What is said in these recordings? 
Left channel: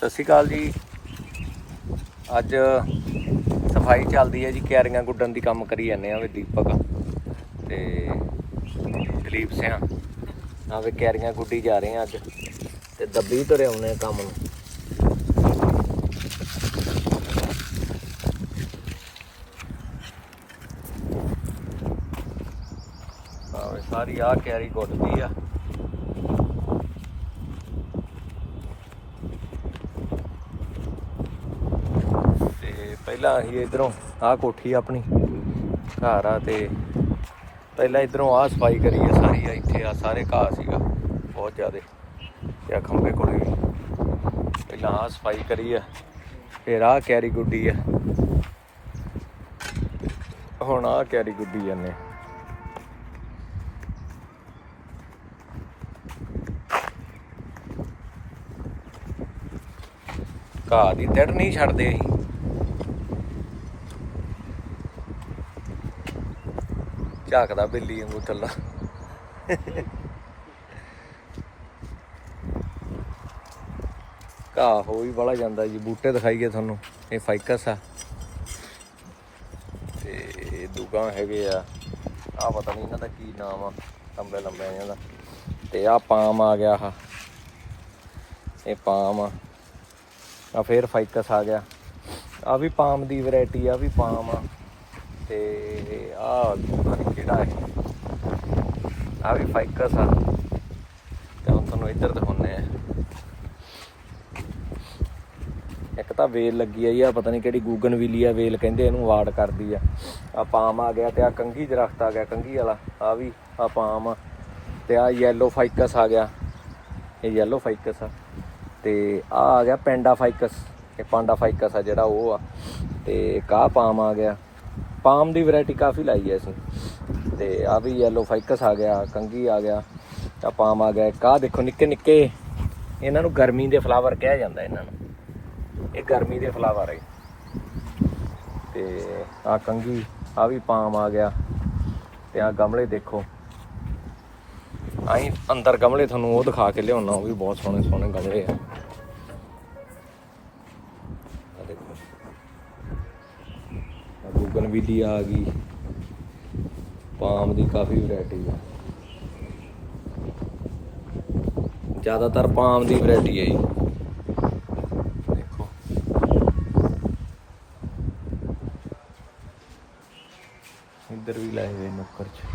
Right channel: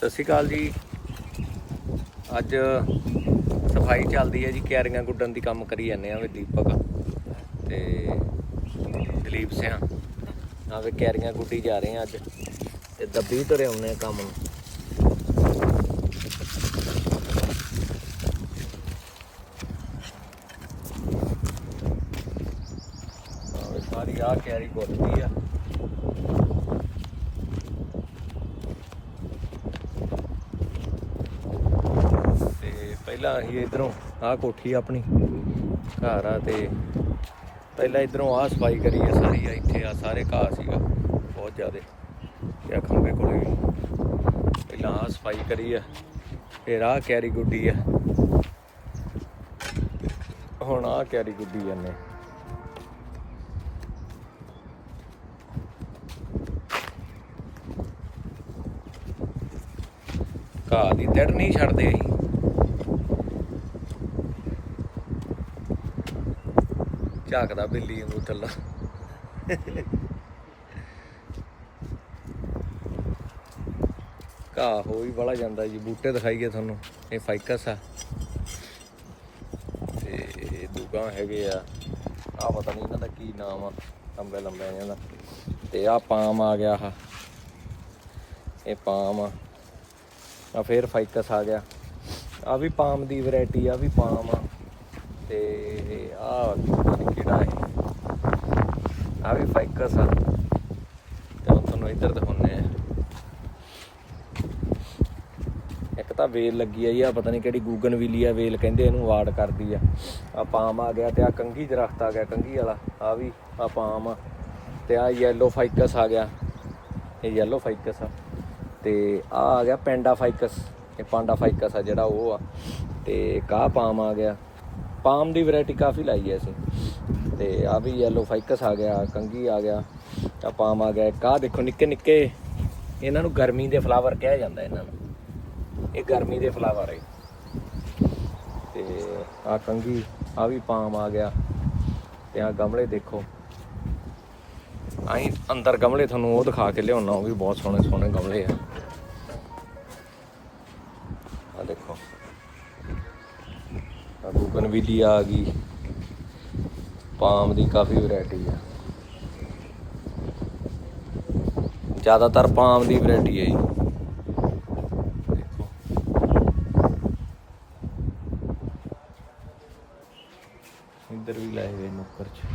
ਸਤਿ ਸ਼੍ਰੀ ਅਕਾਲ ਜੀ। ਅੱਜ ਸਫ਼ਾਈ ਚੱਲਦੀ ਹੈ ਜੀ, ਕਿਆਰੀਆਂ ਗੁੱਡਣ ਦੀ ਕੰਮ ਕਰੀ ਜਾਂਦੇ ਆ ਵੀ ਦੀਪਕ ਤੇ ਦਲੀਪ ਸਿਆ। ਆ ਵੀ ਕਿਆਰੀਆਂ ਗੁੱਡੀ ਜਾ ਰਹੇ ਆ ਅੱਜ ਤੇ ਦੱਬੀ ਤੁਰੇ ਆਉਨੇ ਆ ਕੰਮ ਨੂੰ। ਸਾਰੀ ਆ ਕਿਆਰੀ ਗੁੱਡਦੀ ਆ ਤੇ ਪਹਿਲਾਂ ਅਸੀਂ ਇਧਰੋਂ ਆਹ ਕੋਠੀ ਆਪਣੀ ਘਰ ਆ ਤੇ ਪਹਿਲਾਂ ਇਧਰੋਂ ਆਹ ਸਫ਼ਾਈ ਕਰੀ ਆ ਸਾਰੀ ਆ ਇੱਥੇ ਆ ਸਾਰੇ ਘਾਹ ਸੀਗਾ, ਬਹੁਤ ਜ਼ਿਆਦੇ। ਤੇ ਆਹ ਖੰਭੇ ਕੋਲੇ? ਵੀ ਪਹਿਲਾਂ ਆਹ ਸਫ਼ਾਈ ਕਰੀ ਆ, ਫਿਰ ਆਹ ਕੈਰੀ ਗੁੱਡੀ ਆ। ਹੁਣ ਆਹ ਕੈਰੀ ਗੁੱਡੀ ਜਾਂਦੇ ਘਾਹ ਦੀ ਤੜ ਨਹੀਂ ਛੱਡਦੇ। ਝਾਕਦਾ ਬਿੱਲੀ ਵਾਂਗੂ ਥੱਲਾ। ਘਾਹ ਹੋ ਵੀ ਬੜਾ ਜਾਂਦਾ ਜੀ, ਬੂਟੇ ਦਿਖਾਈਏ ਤੁਹਾਨੂੰ, ਇਹ ਫਾਈਕਸ ਆ। ਤੇ ਦੂਗਾ ਹੈਗੇ ਆ ਆ ਪਤਾ ਨਹੀਂ ਇਹਨਾਂ ਦਾ ਕੀ ਨਾਮ ਆ, ਲੰਬੇ ਲੰਬੇ ਇਹਨਾਂ ਦਾ। ਤੇ ਆ ਪਾਮ ਆ ਗਿਆ ਆ ਇਹ ਪਾਮ ਆ। ਆ ਫੇਰ ਫਾਈਕਸ ਆ ਗਿਆ। ਆ ਵੀ ਪਾਮ ਦੀ ਵੈਰਾਈਟੀ ਆ ਵੀ ਪਾਮ ਆ। ਤੇ ਹੈ ਆ ਵੀ ਫਾਈਕਸ ਆ ਤੇ ਹੁਣ ਤੁਹਾਨੂੰ ਇੱਧਰ ਦਿਖਾਉਂਦੇ ਆ ਇੱਕ ਤਾਂ ਵੇਲ ਲੱਗੀ ਆ ਜੀ ਆ, ਪਤਾ ਨਹੀਂ ਕਿਹੜੀ ਗੂਗਨ ਵੀਲੀ ਆ ਵੇਲ ਕਹਿੰਦੇ ਇਹਨੂੰ ਵਾਰਡ ਕਰਦੀ ਆ। ਆ ਪਾਮ ਆ ਗਿਆ ਤੇ ਆ ਕੰਗੀ ਦਰਖਤ ਆ ਗਿਆ ਕੰਗੀ ਵਾਲਾ। ਆ ਵੀ ਆ ਪਾਮ ਆ। ਤੇ ਆ ਯੈਲੋ ਫਾਈਕਸ ਆ ਗਿਆ। ਇਹ ਯੈਲੋ ਫਾਈਕਸ ਆ। ਤੇ ਆ ਆ ਗਿਆ ਪੈਂਡਾ ਫਾਈਕਸ ਇਹ ਪਾਂਡਾ ਫਾਈਕਸ ਆ ਜਿਹੜਾ ਉਹ ਆ। ਤੇ ਕਾਹ ਪਾਮ ਆ ਗਿਆ। ਪਾਮ ਦੀ ਵੈਰਾਈਟੀ ਕਾਫੀ ਲਾਈ ਹੈ ਅਸੀਂ। ਤੇ ਆ ਵੀ ਯੈਲੋ ਫਾਈਕਸ ਆ ਗਿਆ ਕੰਗੀ ਆ ਗਿਆ ਆ ਪਾਮ ਆ ਗਿਆ ਕਾਹ ਦੇਖੋ ਨਿੱਕੇ ਨਿੱਕੇ, ਇਹਨਾਂ ਨੂੰ ਗਰਮੀ ਦੇ ਫਲਾਵਰ ਕਿਹਾ ਜਾਂਦਾ ਇਹਨਾਂ ਨੂੰ। ਇਹ ਗਰਮੀ ਦੇ ਫਲਾਵਰ ਹੈ ਤੇ ਆ ਕੰਗੀ ਆ ਵੀ ਪਾਮ ਆ ਗਿਆ, ਤੇ ਆ ਗਮਲੇ ਦੇਖੋ। ਆਈ ਅੰਦਰ ਗਮਲੇ ਤੁਹਾਨੂੰ ਉਹ ਦਿਖਾ ਕੇ ਲਿਆਉਣਾ, ਉਹ ਵੀ ਬਹੁਤ ਸੋਹਣੇ ਸੋਹਣੇ ਗਮਲੇ ਆ। ਆ ਦੇਖੋ। ਆ ਬੁਗਨਵਿਲੀ ਆ ਗਈ। ਪਾਮ ਦੀ ਕਾਫੀ ਵੈਰਾਈਟੀ ਆ। ਜ਼ਿਆਦਾਤਰ ਪਾਮ ਦੀ ਵੈਰਾਈਟੀ ਹੈ ਜੀ। ਦੇਖੋ ਇੱਧਰ ਵੀ ਲਾਏ ਹੋਏ ਨੁੱਕਰ ਚ।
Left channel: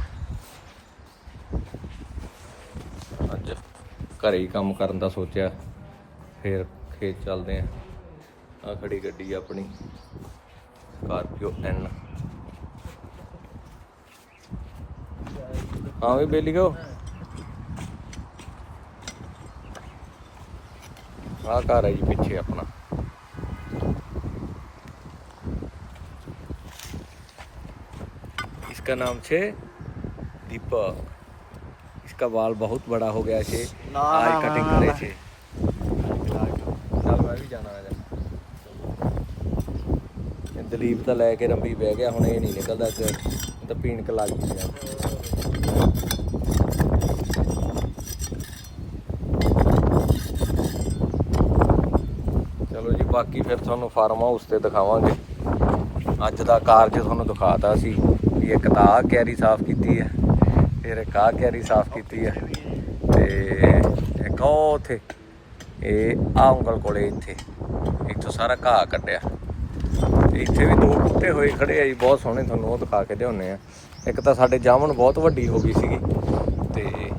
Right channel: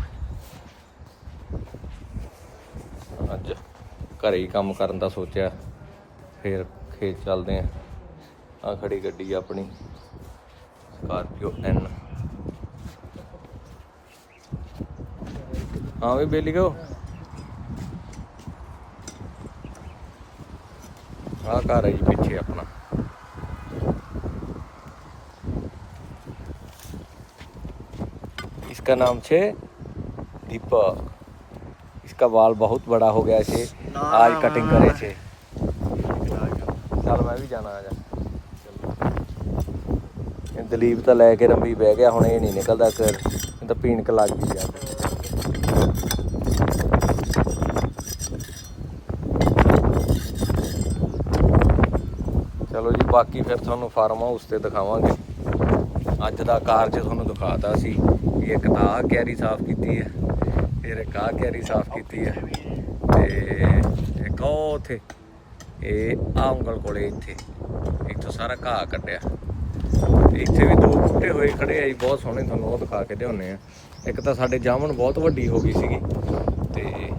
ਅੱਜ ਘਰੇ ਹੀ ਕੰਮ ਕਰਨ ਦਾ ਸੋਚਿਆ ਫਿਰ ਖੇਤ ਚੱਲਦੇ ਆ। ਆ ਖੜੀ ਗੱਡੀ ਆਪਣੀ ਸਕਾਰਪੀਓ ਐਨ ਹਾਂ ਵੀ ਬੇਲੀ ਕੋ ਆ ਘਰ ਹੈ ਜੀ ਪਿੱਛੇ ਆਪਣਾ इसका नाम छे दीपक इसका बाल बहुत बड़ा हो गया छे आज कटिंग करे छे ਚੱਲ ਮੈਂ ਵੀ ਜਾਣਾ ਆ ਜਾ ਇਹ ਦਲੀਪ ਤਾਂ ਲੈ ਕੇ ਰੰਬੀ ਬਹਿ ਗਿਆ ਹੁਣ ਇਹ ਨਹੀਂ ਨਿਕਲਦਾ ਫਿਰ ਇਹ ਤਾਂ ਪੀਣਕ ਲੱਗ ਗਈ ਆ ਚਲੋ ਜੀ, ਬਾਕੀ ਫਿਰ ਤੁਹਾਨੂੰ ਫਾਰਮ ਹਾਊਸ ਤੇ ਦਿਖਾਵਾਂਗੇ। ਅੱਜ ਦਾ ਕਾਰਜ ਤੁਹਾਨੂੰ ਦਿਖਾਤਾ ਸੀ ਵੀ ਇੱਕ ਤਾਂ ਆਹ ਕੈਰੀ ਸਾਫ਼ ਕੀਤੀ ਹੈ, ਫਿਰ ਇੱਕ ਆਹ ਕੈਰੀ ਸਾਫ਼ ਕੀਤੀ ਹੈ ਤੇ ਇੱਕ ਉਹ ਉੱਥੇ, ਇਹ ਆਹ ਉਂਗਲ ਕੋਲੇ ਇੱਥੇ, ਇੱਥੋਂ ਸਾਰਾ ਘਾਹ ਕੱਢਿਆ। ਇੱਥੇ ਵੀ ਦੋ ਬੂਟੇ ਹੋਏ ਖੜੇ ਆ ਜੀ, ਬਹੁਤ ਸੋਹਣੇ ਤੁਹਾਨੂੰ ਉਹ ਦਿਖਾ ਕੇ ਲਿਆਉਨੇ ਆ। ਇੱਕ ਤਾਂ ਸਾਡੇ ਜਾਮਣ ਬਹੁਤ ਵੱਡੀ ਹੋ ਗਈ ਸੀਗੀ ਤੇ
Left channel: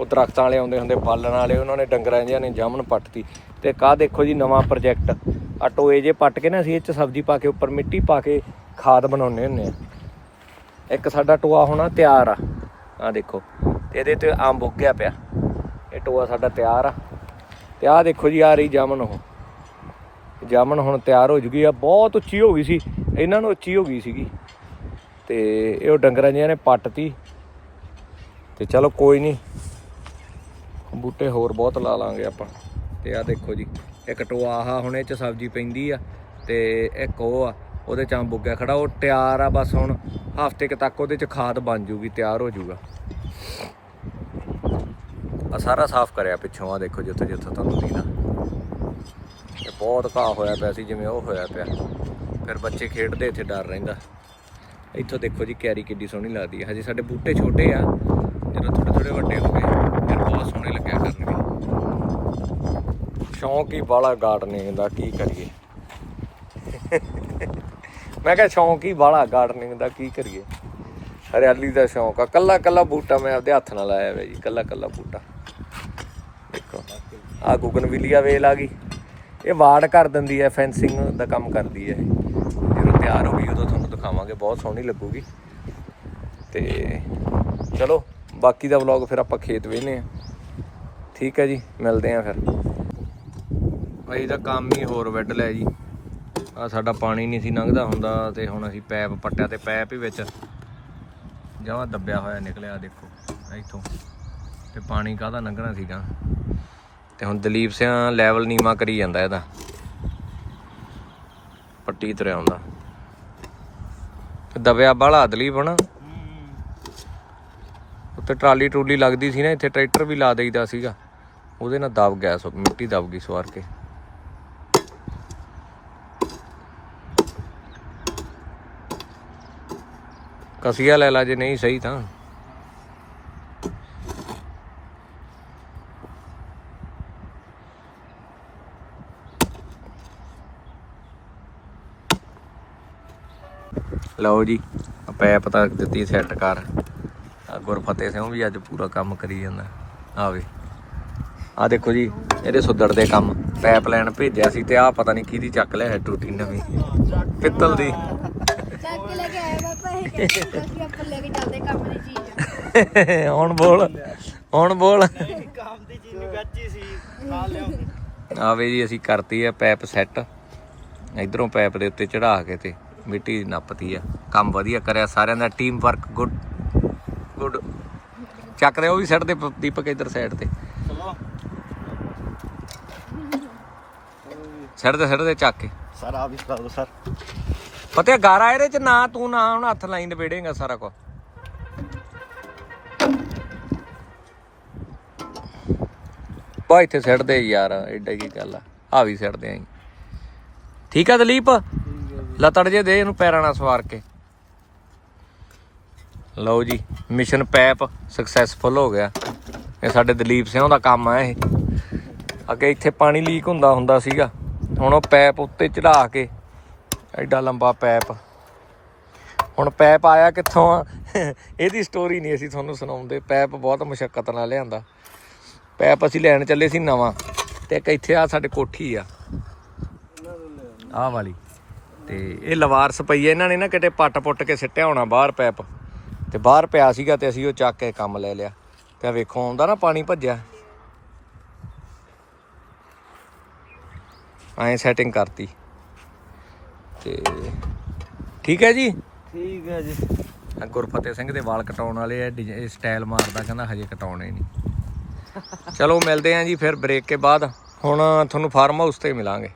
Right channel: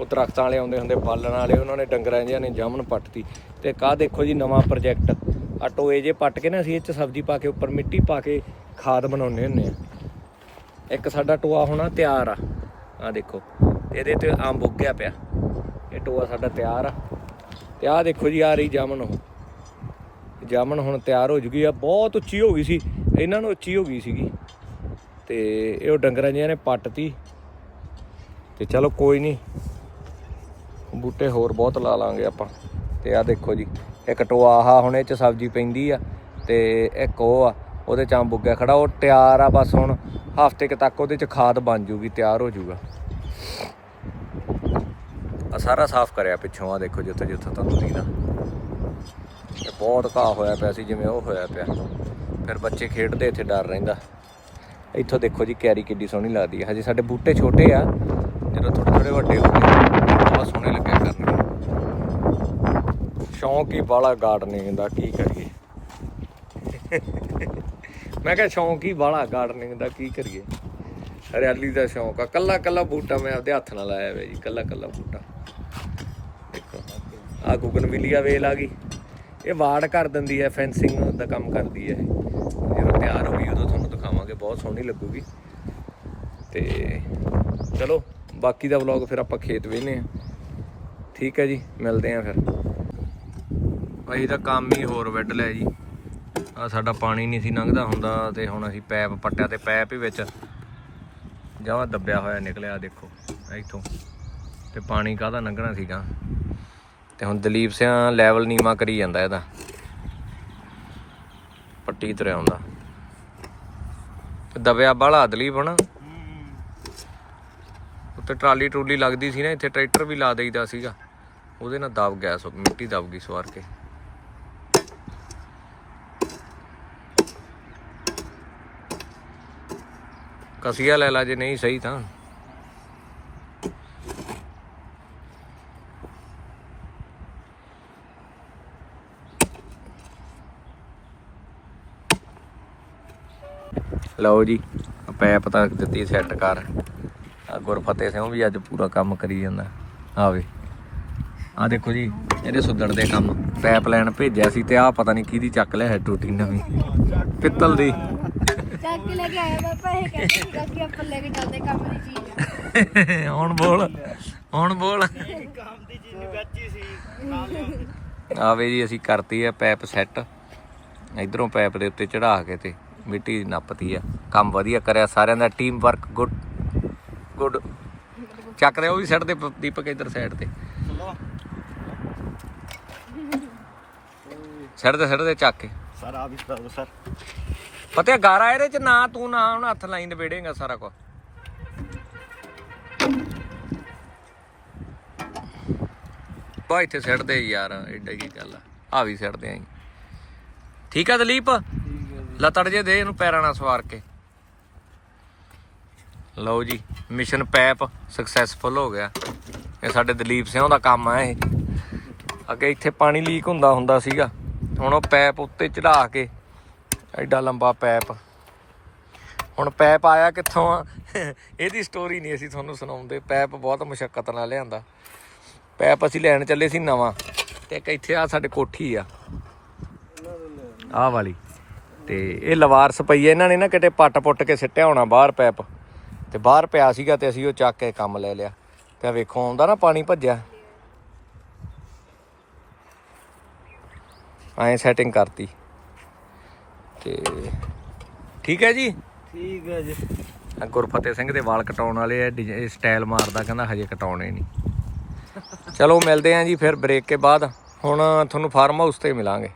ਉਹ ਦਰਖਤਾਂ ਵਾਲੇ ਆਉਂਦੇ ਹੁੰਦੇ ਪਾਲਣ ਵਾਲੇ, ਉਹਨਾਂ ਨੇ ਡੰਗਰਾਂ ਜਿਹਾਂ ਨੇ ਜਾਮਣ ਪੱਟਤੀ। ਤੇ ਕਾਹ ਦੇਖੋ ਜੀ ਨਵਾਂ ਪ੍ਰੋਜੈਕਟ ਆ ਟੋਏ ਜੇ ਪੱਟ ਕੇ ਨਾ ਅਸੀਂ ਇਹ ਚ ਸਬਜ਼ੀ ਪਾ ਕੇ ਉੱਪਰ ਮਿੱਟੀ ਪਾ ਕੇ ਖਾਦ ਬਣਾਉਂਦੇ ਹੁੰਦੇ ਆ। ਇੱਕ ਸਾਡਾ ਟੋਆ ਹੋਣਾ ਤਿਆਰ ਆ। ਆ ਦੇਖੋ, ਇਹਦੇ ਤੇ ਅੰਬ ਉੱਗਿਆ ਪਿਆ। ਇਹ ਟੋਆ ਸਾਡਾ ਤਿਆਰ ਆ। ਤੇ ਆ ਦੇਖੋ ਜੀ ਆ ਰਹੀ ਜਾਮਣ ਉਹ। ਜਾਮਣ ਹੁਣ ਤਿਆਰ ਹੋ ਜੂਗੀ ਆ, ਬਹੁਤ ਉੱਚੀ ਹੋ ਗਈ ਸੀ, ਇਹਨਾਂ ਨੂੰ ਉੱਚੀ ਹੋ ਗਈ ਸੀਗੀ। ਤੇ ਇਹ ਉਹ ਡੰਗਰਾਂ ਜਿਹਾਂ ਨੇ ਪੱਟਤੀ। ਤੇ ਚਲੋ ਕੋਈ ਨਹੀਂ ਬੂਟੇ ਹੋਰ ਬਹੁਤ ਲਾ ਲਾਂਗੇ ਆਪਾਂ। ਤੇ ਆ ਦੇਖੋ ਜੀ, ਇੱਕ ਟੋਆ ਆਹ ਹੁਣ ਇਹ ਚ ਸਬਜ਼ੀ ਪੈਂਦੀ ਆ, ਤੇ ਇੱਕ ਉਹ ਆ, ਉਹਦੇ ਚ ਅੰਬ ਉੱਗਿਆ ਖੜਾ, ਉਹ ਤਿਆਰ ਆ ਬਸ ਹੁਣ, ਹਫ਼ਤੇ ਕੁ ਤੱਕ ਉਹਦੇ ਚ ਖਾਦ ਬਣ ਜੂਗੀ, ਤਿਆਰ ਹੋ ਜੂਗਾ। ਆ ਸਾਰਾ ਸਾਫ਼ ਕਰਿਆ ਪਿੱਛੋਂ ਆ ਦੇਖੋ ਜਿੱਥੇ ਜਿੱਥੇ ਤੁਹਾਨੂੰ ਦੀਦਾ ਬਹੁਤ ਘਾਹ ਹੋਇਆ ਪਿਆ ਸੀ, ਜਿਵੇਂ ਉਹ ਹੋਇਆ ਪਿਆ। ਫਿਰ ਬੱਚੇ ਖੇਡਦੇ, ਇੱਥੇ ਡਰ ਰਹਿੰਦਾ। ਇੱਥੋਂ ਦੇਖੋ ਜੀ, ਕੈਰੀ ਕਿੱਡੀ ਸੋਹਣੀ ਲੱਗਦੀ ਹੈ ਹਜੇ ਸਾਡੇ ਬੂਟੇ ਛੋਟੇ ਆ, ਜਦੋਂ ਥੋੜੇ ਥੋੜੇ ਵੱਡੇ ਹੁੰਦੇ ਬਹੁਤ ਸੋਹਣੇ ਲੱਗਿਆ ਕਰਨਗੇ ਸ਼ੌਂਕ ਹੀ ਬਾਲਾ ਗਾਰਡਨਿੰਗ ਦਾ, ਕੀ ਕਰੀਏ? ਮੈਂ ਕਿਹਾ ਸ਼ੌਂਕ ਹੀ ਬਾਲਾ ਗਾਰਡਨਿੰਗ ਦਾ, ਕੀ ਕਰੀਏ? ਹਰਿਆਲੀ ਦਾ ਸ਼ੌਂਕ ਆ। ਕੱਲਾ ਕੱਲਾ ਬੂਟਾ ਮੈਂ ਆਪਦੇ ਹੱਥ ਨਾਲ ਲਾਇਆ ਹੋਇਆ ਜੀ, ਕੱਲਾ ਕੱਲਾ ਬੂਟਾ। ਦੇਖੋ। ਆ ਗੁਗਨਵਿਲੀਆ ਵੇਲ ਆ ਗਈ। ਇਹ ਵਾੜ ਕਰ ਦਿੰਦੀ ਹੈ ਫੈਂਸਿੰਗ ਦਾ ਕੰਮ ਕਰਦੀ ਹੈ। ਜਦੋਂ ਤਿਆਰ ਹੋ ਗਈ, ਉਦੋਂ ਤੁਹਾਨੂੰ ਦਿਖਾਵਾਂਗੇ, ਬਹੁਤ ਸੋਹਣੀ ਲੱਗੂਗੀ। ਤੇ ਚਲੋ, ਬਾਕੀ ਦਾ ਵਲੌਗ ਫਿਰ ਆਪਾਂ ਖੇਤ ਵੇਹਨੇ ਆ ਠੀਕ ਹੈ ਜੀ, ਮਿਲਦੇ ਆ ਫਿਰ। ਅਸੀਂ ਤਾਂ ਕੰਮ ਹੀ ਹੋਰ ਵੱਢ ਲਿਆ ਜੀ। ਆ ਸਾਡਾ ਪਾਣੀ ਨਹੀਂ ਸੀ ਲੰਘਦਾ ਹੁੰਦਾ ਤੇ ਹੁਣ ਅਸੀਂ ਪੈਪ ਪੱਟਿਆ ਤੇ ਪੈਪ ਹੀ ਵਿੱਚ ਜਮਾ ਦੱਬਿਆ ਹੋਇਆ ਨਿਕਲਿਆ ਦੇਖੋ ਇੱਥੋਂ। ਤੇ ਪਾਣੀ ਕਾਹਦਾ ਲੰਘਣਾ ਸੀਗਾ? ਤੇ ਹੁਣ ਦਲੀਪ ਸਿੰਘ ਲੈਵਲ ਨੀਵਾ ਕਰੀ ਜਾਂਦਾ ਇਹਦਾ। ਪੱਟੀ ਤੁਰਿਆ ਆਉਂਦਾ ਦਬਿਆ ਬਾਹਲਾ ਦਲੀਪ ਹਨਾ ਉੱਤੇ ਟਰਾਲੀ ਟਰੂਲੀ ਲੱਗਦੀ ਸੀ ਨਾ, ਇੱਥੇ ਟਰੈਕਟਰ ਵੀ ਲਾ ਦੇਈਦਾ ਸੀਗਾ। ਉਹਦੇ ਨਾਲ ਦਬ ਗਿਆ ਸੋ ਮਿੱਟੀ ਦਬ ਗਈ ਸਵਾਰ ਕੇ। ਕਸੀਆ ਲੈ ਲਾ ਜੇ ਨਹੀਂ ਸਹੀ ਤਾਂ। ਲਓ ਜੀ ਪੈਪ ਤਾਂ ਦਿੱਤੀ ਸੈੱਟ ਕਰ। ਆ ਗੁਰਫਤਿਹ ਸਿੰਘ ਵੀ ਅੱਜ ਪੂਰਾ ਕੰਮ ਕਰੀ ਜਾਂਦਾ। ਆਵੇ ਆ ਦੇਖੋ ਜੀ ਇਹਦੇ ਸੁੱਦੜ ਦੇ ਕੰਮ। ਪੈਪ ਲੈਣ ਭੇਜਿਆ ਸੀ ਤੇ ਆ ਪਤਾ ਨਹੀਂ ਕਿਹਦੀ ਚੱਕ ਲਿਆ ਹੈ ਟੂਟੀ ਨਵੀਂ। ਪਿੱਤਲ ਦੀ। ਚੱਕ ਕੇ ਲੈ ਕੇ ਆਇਆ ਪਾਪਾ ਇਹ ਕਹਿੰਦਾ ਕਿ ਆਪਾਂ ਲੈ ਕੇ ਚੱਲਦੇ ਕੰਮ ਦੀ ਚੀਜ਼ ਆ। ਹੁਣ ਬੋਲ ਹੁਣ ਬੋਲ। ਕੰਮ ਦੀ ਚੀਜ਼ ਗੱਚੀ ਸੀ ਖਾ ਲਿਓ ਆਵੇ ਜੀ ਅਸੀਂ ਕਰਤੀ ਹੈ ਪੈਪ ਸੈੱਟ ਇਧਰੋਂ ਪੈਪ ਦੇ ਉੱਤੇ ਚੜਾ ਕੇ ਤੇ ਮਿੱਟੀ ਨੱਪਤੀ ਆ। ਕੰਮ ਵਧੀਆ ਕਰਿਆ ਸਾਰਿਆਂ ਦਾ ਟੀਮ ਵਰਕ ਗੁੱਡ ਗੁੱਡ ਚੱਕਦੇ ਉਹ ਵੀ ਸੈੱਟ ਦੇ ਦੀਪਕ ਇਧਰ ਸਾਈਡ ਤੇ। ਸੈੱਟ ਦੇ ਸੈੱਟ ਦੇ ਚੱਕ ਕੇ। ਸਰ ਆਪ ਹੀ ਕਰ ਦੋ ਸਰ ਪਤਾ ਗਾਰਾ ਇਹਦੇ ਚ ਨਾ ਤੂੰ ਨਾ ਹੁਣ ਹੱਥ ਲਾਈ ਨਵੇੜੇਗਾ ਸਾਰਾ ਕੁਝ ਪਾ ਇੱਥੇ ਸੈੱਟ ਦੇ ਯਾਰ ਐਡਾ ਕੀ ਗੱਲ ਆ। ਆ ਵੀ ਸੈੱਟ ਦੇ ਆਂ ਠੀਕ ਆ ਦਲੀਪ? ਲਤੜ ਜੇ ਦੇ ਇਹਨੂੰ ਪੈਰਾਂ ਨਾਲ ਸਵਾਰ ਕੇ। ਲਓ ਜੀ ਮਿਸ਼ਨ ਪੈਪ ਸਕਸੈਸਫੁਲ ਹੋ ਗਿਆ। ਇਹ ਸਾਡੇ ਦਲੀਪ ਸਿੰਘ ਦਾ ਕੰਮ ਆ ਇਹ। ਅੱਗੇ ਇੱਥੇ ਪਾਣੀ ਲੀਕ ਹੁੰਦਾ ਹੁੰਦਾ ਸੀਗਾ। ਹੁਣ ਉਹ ਪੈਪ ਉੱਤੇ ਚੜਾ ਕੇ, ਐਡਾ ਲੰਬਾ ਪੈਪ। ਹੁਣ ਪੈਪ ਆਇਆ ਕਿੱਥੋਂ ਆ? ਇਹਦੀ ਸਟੋਰੀ ਨਹੀਂ ਅਸੀਂ ਤੁਹਾਨੂੰ ਸੁਣਾਉਂਦੇ। ਪੈਪ ਬਹੁਤ ਮੁਸ਼ਕਲ ਨਾਲ ਲਿਆਂਦਾ। ਪੈਪ ਅਸੀਂ ਲੈਣ ਚੱਲੇ ਸੀ ਨਵਾਂ। ਤੇ ਇੱਕ ਇੱਥੇ ਆ ਸਾਡੇ ਕੋਠੀ ਆ। ਆਹ ਵਾਲੀ। ਤੇ ਇਹ ਲਵਾਰਸ ਪਈ ਹੈ ਇਹਨਾਂ ਨੇ ਨਾ ਕਿਤੇ ਪੱਟ ਪੁੱਟ ਕੇ ਸਿੱਟਿਆ ਹੋਣਾ ਬਾਹਰ ਪੈਪ। ਤੇ ਬਾਹਰ ਪਿਆ ਸੀਗਾ ਤੇ ਅਸੀਂ ਉਹ ਚੱਕ ਕੇ ਕੰਮ ਲੈ ਲਿਆ। ਤੇ ਵੇਖੋ ਆਉਂਦਾ ਨਾ ਪਾਣੀ ਭੱਜਿਆ। ਐਂ ਸੈਟਿੰਗ ਕਰਤੀ। ਤੇ ਠੀਕ ਹੈ ਜੀ? ਠੀਕ ਹੈ ਜੀ। ਆਹ ਗੁਰਫਤਿਹ ਸਿੰਘ ਦੇ ਵਾਲ ਕਟਾਉਣ ਵਾਲੇ ਆ ਸਟਾਈਲ ਮਾਰਦਾ ਕਹਿੰਦਾ ਹਜੇ ਕਟਾਉਣੇ ਨਹੀਂ। ਚਲੋ ਮਿਲਦੇ ਆਂ ਜੀ ਫਿਰ ਬ੍ਰੇਕ ਕੇ ਬਾਅਦ। ਹੁਣ ਤੁਹਾਨੂੰ ਫਾਰਮ ਹਾਊਸ ਤੇ ਮਿਲਾਂਗੇ।